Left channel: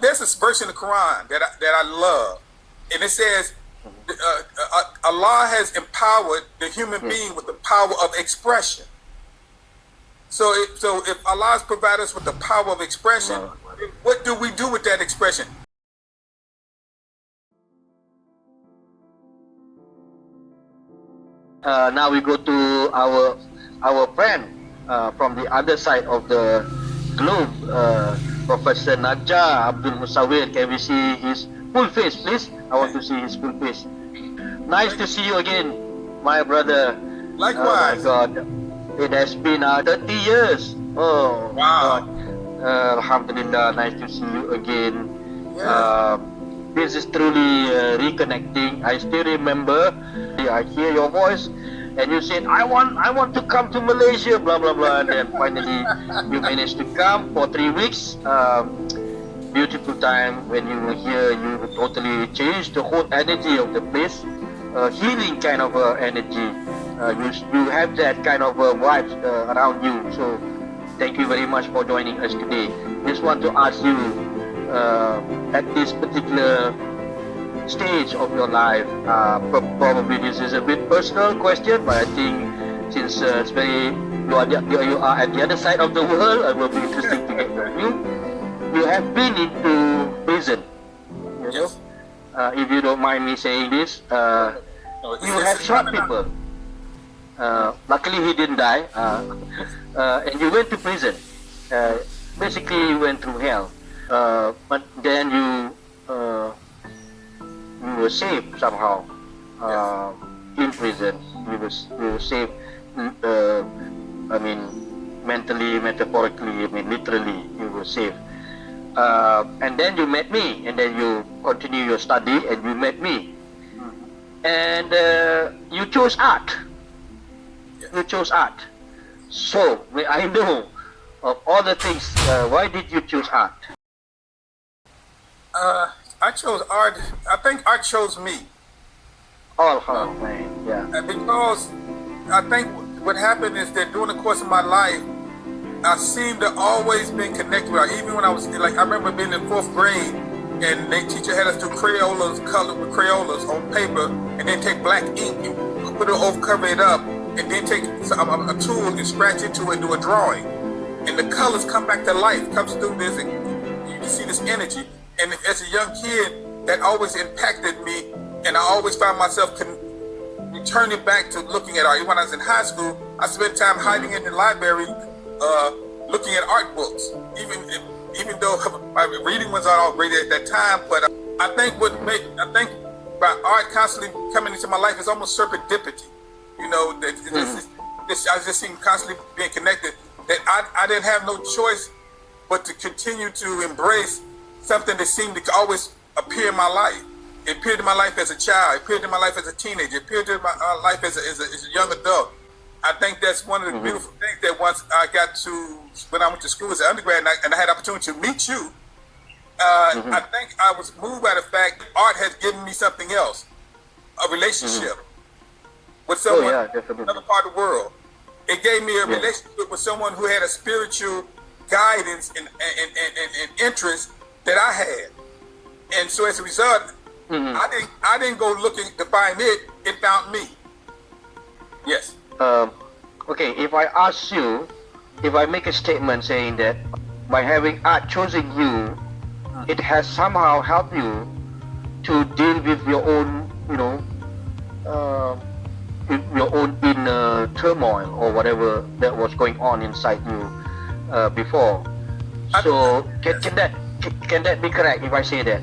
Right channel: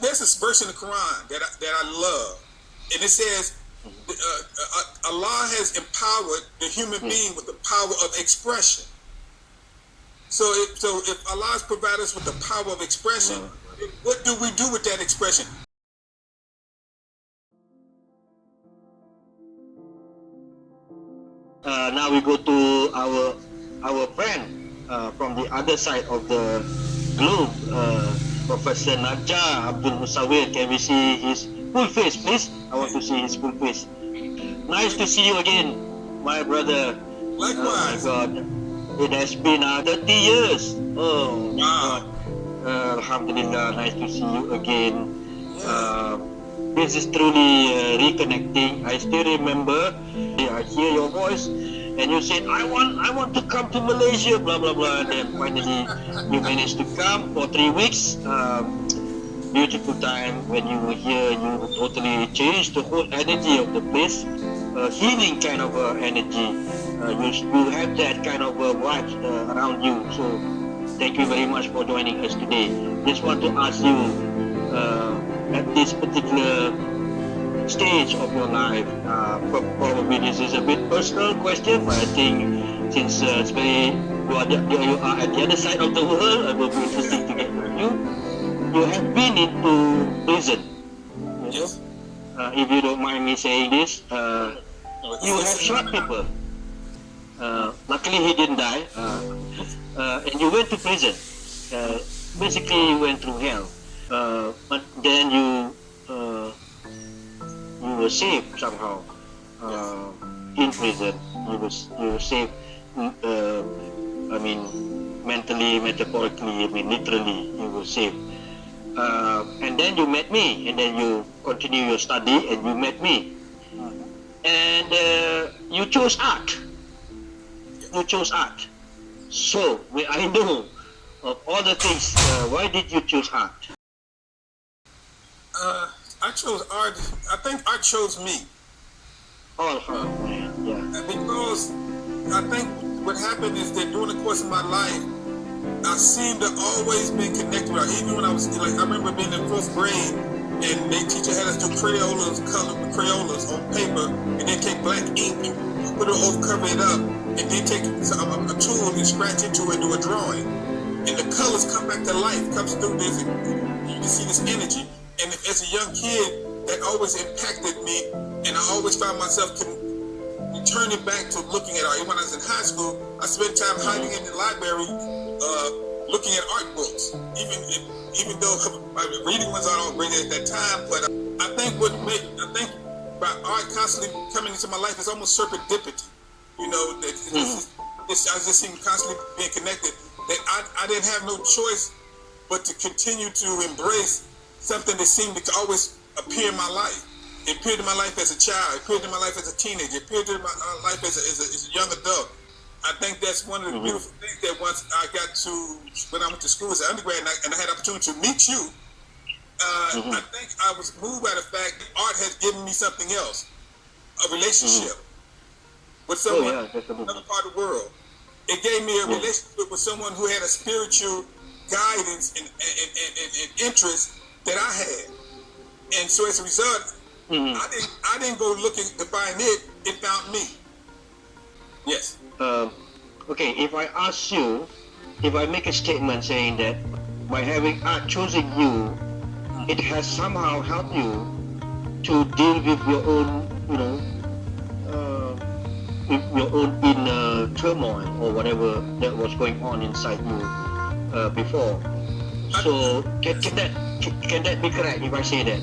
there's this verse in the Quran that I love, and it says, Allah has empowered the human being with the power of expression. So if Allah has provided us with the power of expression, what do we do with that expression? Now we go to our friend from the other side of the globe, Professor Najjar Abdul Musawwir. Can we see his full face, please? I want to see his full face. Nice to see you again, my brother. Likewise. Oh my God, it has been 30 years. Oh wow. God. Alhamdulillah, nice to see you again. Yes. This is truly reconnecting. I still remember, I hear your voice, and you said, I want to come to Malaysia, blah blah blah, and then finally you managed to come for 3 weeks. Beautiful time when you were here. You totally changed the whole energy of the place, healing kind of energy. You have that kind of vibes around you. So thank you very much for joining us today. Just want to ask you, at this particular stage of your life, probably this is a bit personal question, but I think since it's very, you are at the other side of the world, it will be interesting to get to know you. You have been into prison. Yes. If you don't mind me saying this, you have shot people. Luckily he didn't die, and you went to prison. Basically you went through hell, but then you were saved somehow. In prison you were saved. I mean, mentally, metaphorically, I mean literally you were saved. And then you met me, and then you continue your study, and you met me, and you chose art. You chose art. So, may I know, of all the things, why did you choose art? I chose art. I think art chose me. Man, yeah. Because I think what happened is that during the course of my life, I seemed to always been connected with art. Even when I was like, I remember being in 4th grade, and their teacher had us do Crayolas, color with Crayolas on paper, and then take black ink and put it over, cover it up, and then take a tool and scratch into it and do a drawing. And the colors come back to life, comes through this, and you can see this energy. And as a young kid, that always impacted me, and I always found myself returning back to looking at art. Even when I was in high school, I spent time hiding in the library, looking at art books. Even though my reading was not all great at that time, but I think by art constantly coming into my life is almost serendipity. You know, that I just seem constantly being connected. That I didn't have no choice but to continue to embrace something that seemed to always appear in my life. It appeared in my life as a child. It appeared in my life as a teenager. It appeared in my life as a young adult. I think that's one of the beautiful things that once I got to, when I went to school as an undergrad and I had the opportunity to meet you, I think I was moved by the fact that art has given me something else, a relationship with someone in another part of the world. It gave me a relationship with someone who had a spiritual guidance and interest that I had. And so as a result, I didn't go looking to find it, it found me. Yes. Okay, if I ask you, if I make a statement saying that by having art choosing you, it has somehow helped you to deal with your own, your own inner turmoil or whatever that was going on inside you before. So can that be correct if I say that?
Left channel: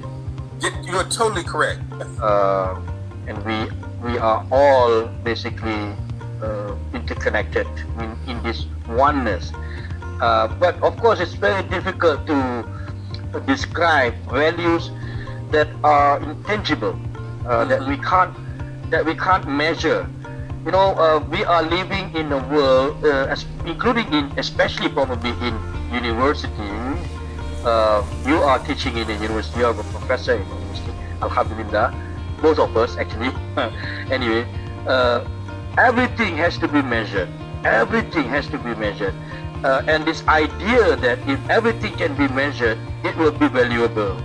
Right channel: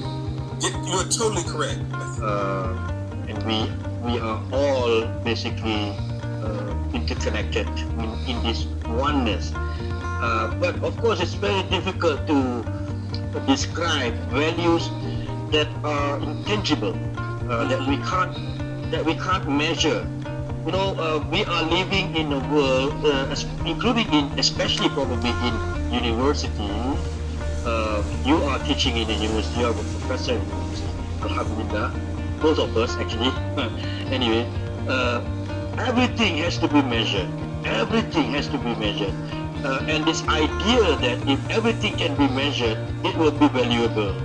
You're totally correct. And we are all basically interconnected in this oneness. But of course, it's very difficult to describe values that are intangible, that we can't measure. We are living in a world, especially probably in university. You are teaching in a university, you are a professor in university, alhamdulillah, both of us actually. Anyway, everything has to be measured. And this idea that if everything can be measured, it will be valuable,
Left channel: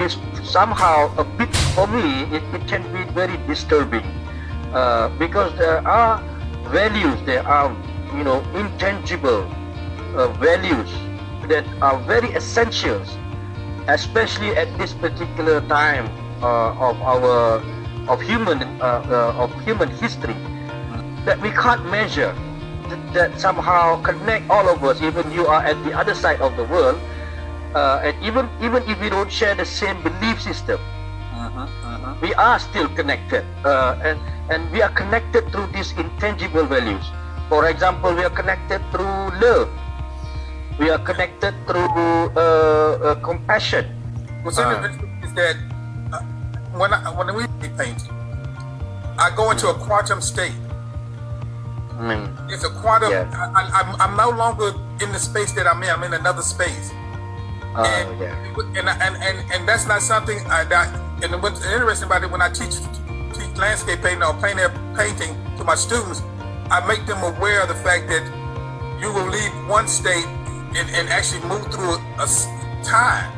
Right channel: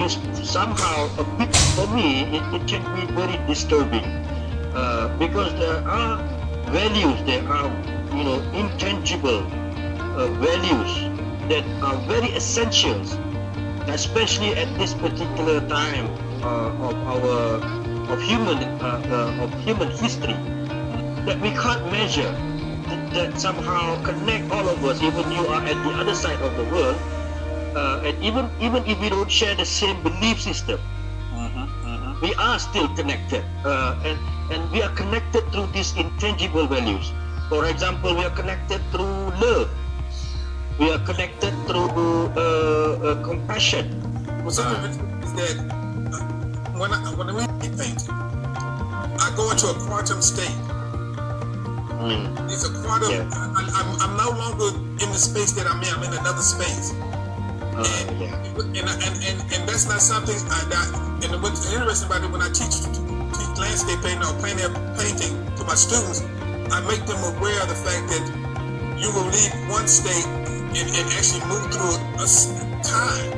is somehow a bit, for me, it can be very disturbing, because there are values, there are, intangible values that are very essential, especially at this particular time of human history, that we can't measure, that somehow connect all of us, even you are at the other side of the world, and even if we don't share the same belief system, we are still connected, and we are connected through these intangible values. For example, we are connected through love, we are connected through compassion. What's interesting is that when we paint, I go into a quantum state. It's a quantum. Yeah. I'm no longer in the space that I'm in. I'm in another space. And that's not something and what's interesting about it, when I teach landscape painting or plein air painting to my students, I make them aware of the fact that you will leave one state and actually move through a time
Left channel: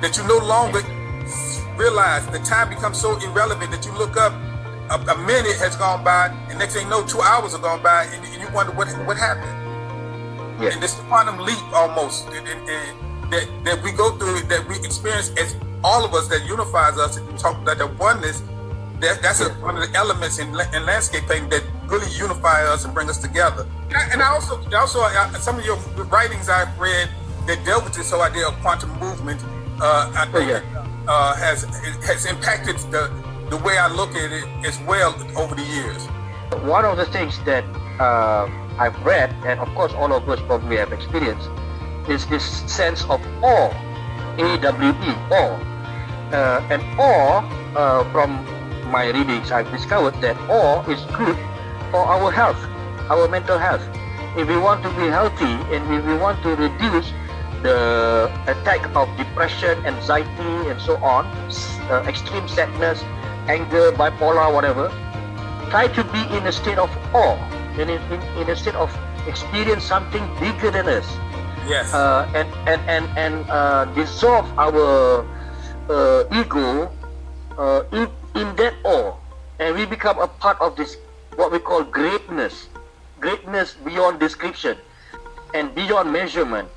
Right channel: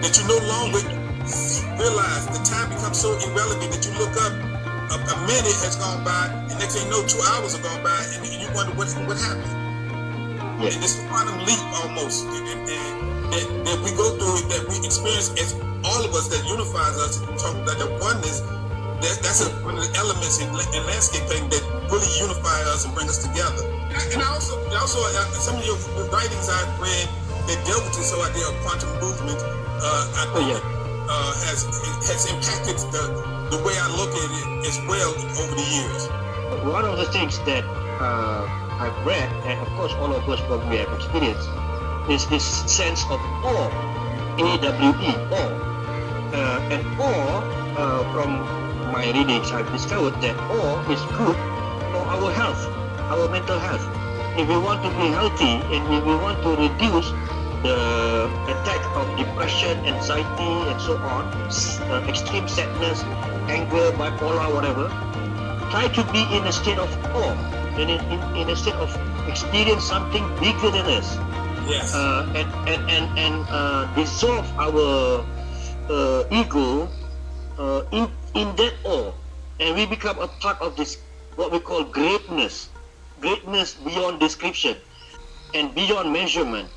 that you no longer realize. The time becomes so irrelevant that you look up, a minute has gone by, and next thing you know, 2 hours have gone by, and you wonder what happened. Yes. And this quantum leap almost that we go through, that we experience as all of us, that unifies us and talk about the oneness. That's one of the elements in landscape painting that really unify us and bring us together. And I also some of your writings I've read that dealt with this whole idea of quantum movement. I think has impacted the way I look at it as well over the years. One of the things that I've read, and of course all of us probably have experienced, is this sense of awe, A-W-E, awe. And awe, from my readings, I've discovered that awe is good for our health, our mental health. If we want to be healthy and if we want to reduce the attack of depression, anxiety, and so on, extreme sadness, anger, bipolar, whatever, try to be in a state of awe, in a state of experience something bigger than us. Yes. And dissolve our ego in that awe, and we become a part of this, what we call greatness beyond description and beyond measurement.